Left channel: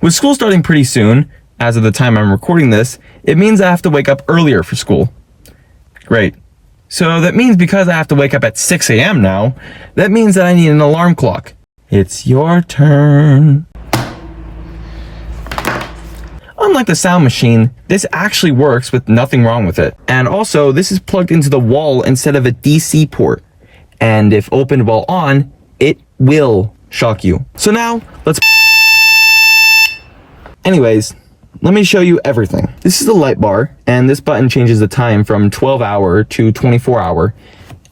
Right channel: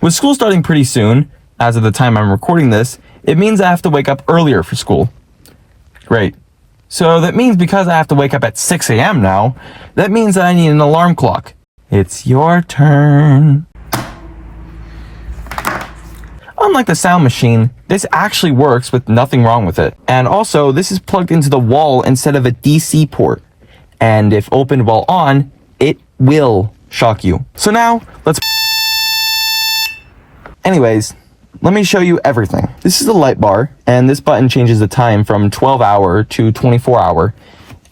With school starting pretty soon, as of the time I'm recording this, it means I have to wake up earlier for school. Great. So that means because I have to wake up at 6 a.m. now, that means that I need an alarm clock. It's your turn. Unlike the sound machine, this actually works with nothing wrong with it. And also, this is plugged into the wall instead of a DC port. And if opened while on, it will shock you. So now, let's... Anyways, let me show you everything. This is the light bar, and this button changes the time from 12-hour to 24-hour,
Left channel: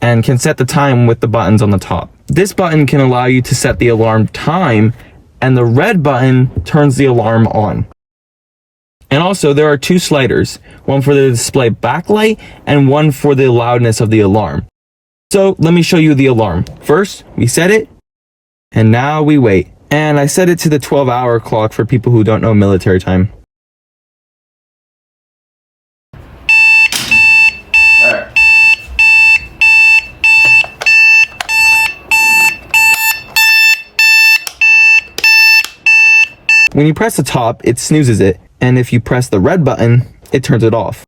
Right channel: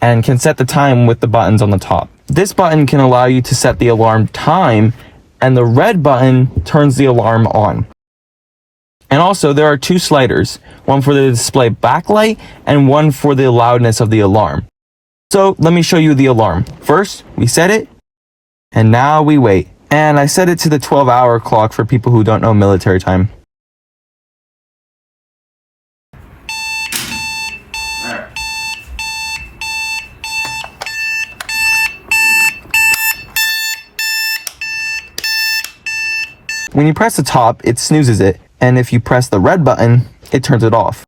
and can set the time with the buttons on the top. This button can allow you to set the alarm time, and the red button turns the alarm on. And also, there are two sliders, one for the display backlight and one for the loudness of the alarm. So let me show you the alarm. First, we set it, and now we wait. And I set it to the 12-hour clock for people who don't know military time. There. When you press the top, it snoozes it. And if you press the red button, it turns it off.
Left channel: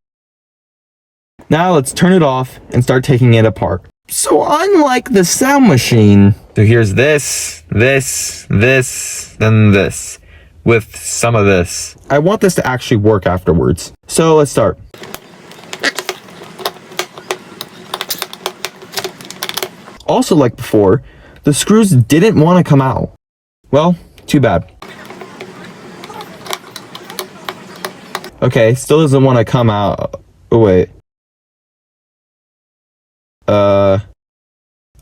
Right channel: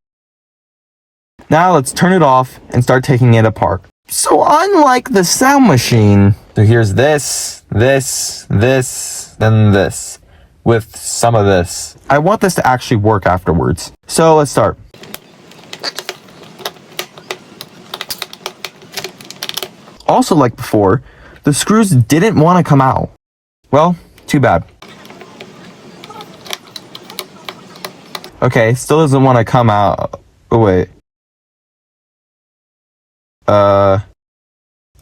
Now let's turn it off and start taking it apart. So unlike the sound machine, so here's this, then this, with some of this. I want this to actually work afterwards. So let's start. Also like before, the screws didn't want to come out. Well, too bad. Okay, still doesn't want to come out. Oh, wait.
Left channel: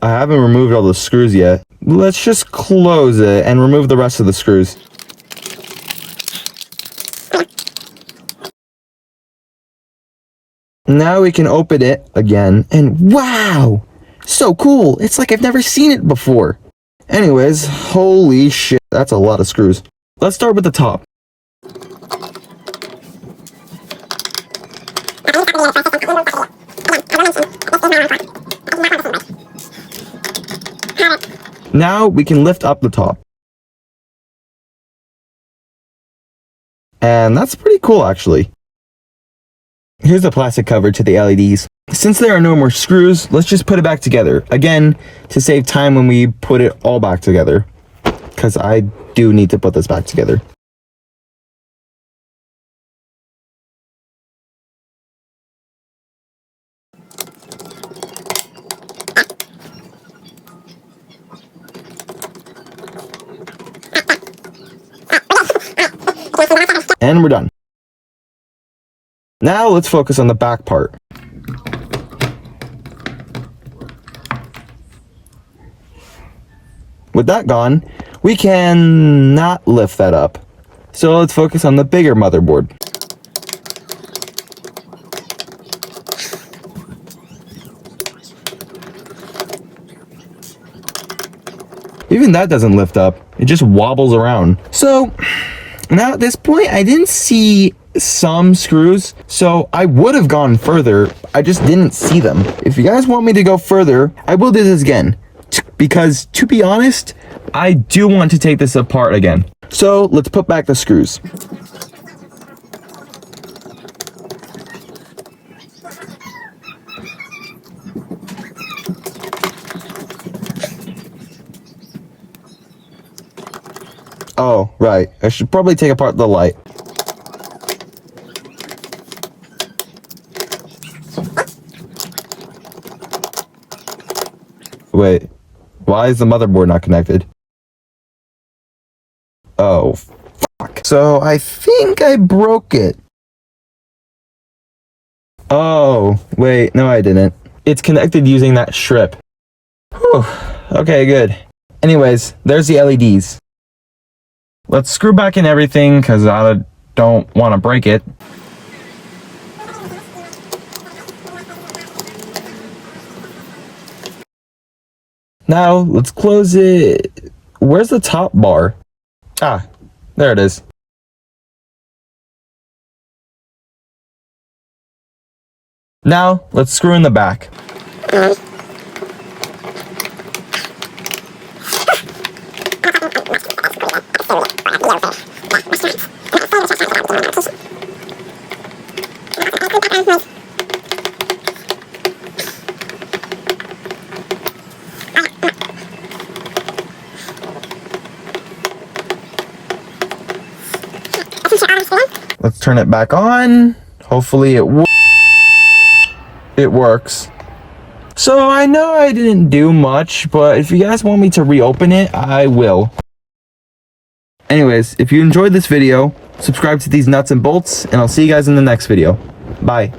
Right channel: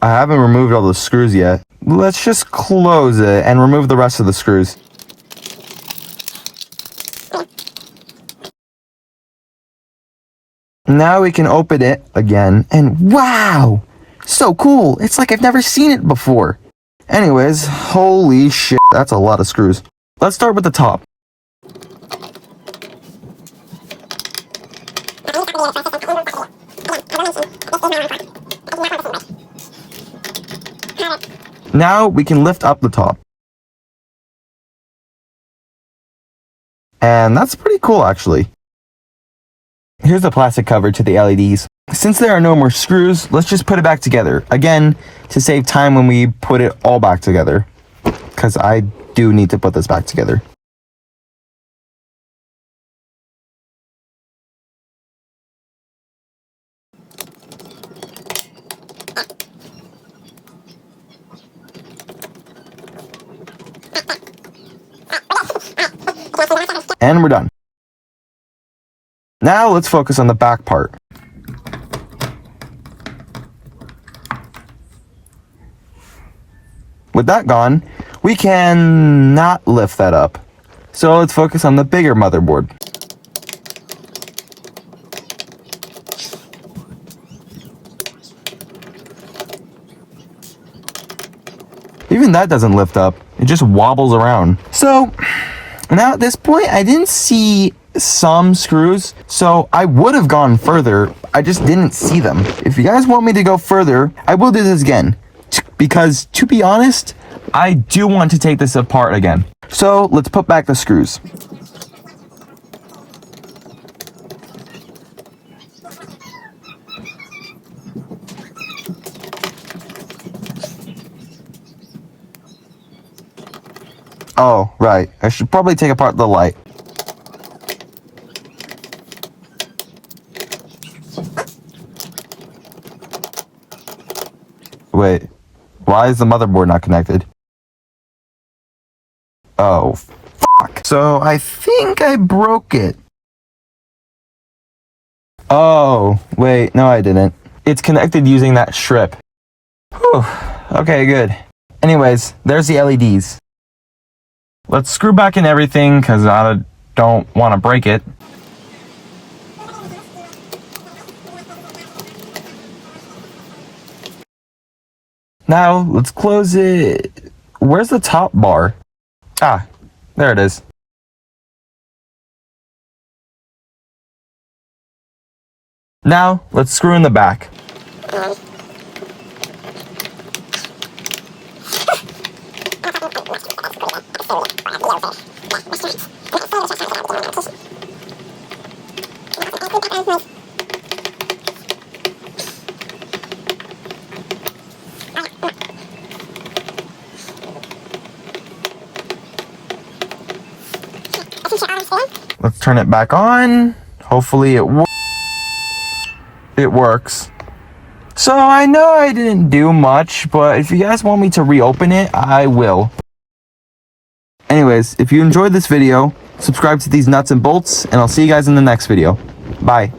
I haven't removed all the screws yet. Let's just close it and remove the rest of the screws. Now we can open it again, and wow! So cool! It's like I've never seen it before. Anyways, holy shit, that's a lot of screws. Let's start with the top. Now we can lift up the top. And that's pretty cool, actually. Here's the plastic cover to the LEDs. Since there are no more screws, let's just put it back together. Again, to save time when we put it all back together. Because I do need to put this back together. And we're done. Now let's focus on the back part. With that gone, we can not lift that up. So let's focus on the bigger motherboard. Even that doesn't lift up. It just wobbles around. So now at this point, I didn't see some screws, so I would have gone further. I just didn't see them. If you guys want me to go further, I will do this again. Because to be honest, I do want to take this apart again. So let's put back the screws. Oh, right. I should probably take apart the light. Wait, why is the motherboard not connected? Oh, fuck. So I think I broke it. Oh, wait, no I didn't. It's connected using that strip. Whew, okay, good. Anyways, there's the LEDs. Let's screw back in everything because I don't want to break it. Now, let's close it. Where's the top bar? Ah, there it is. Now, let's screw in the back. Let's turn it back on. Hopefully it works. So I know I didn't do much, but if you guys want me to reopen it, I will. Anyways, if you enjoyed this video, subscribe to these nuts and bolts, and I'll see you guys in the next video. Bye.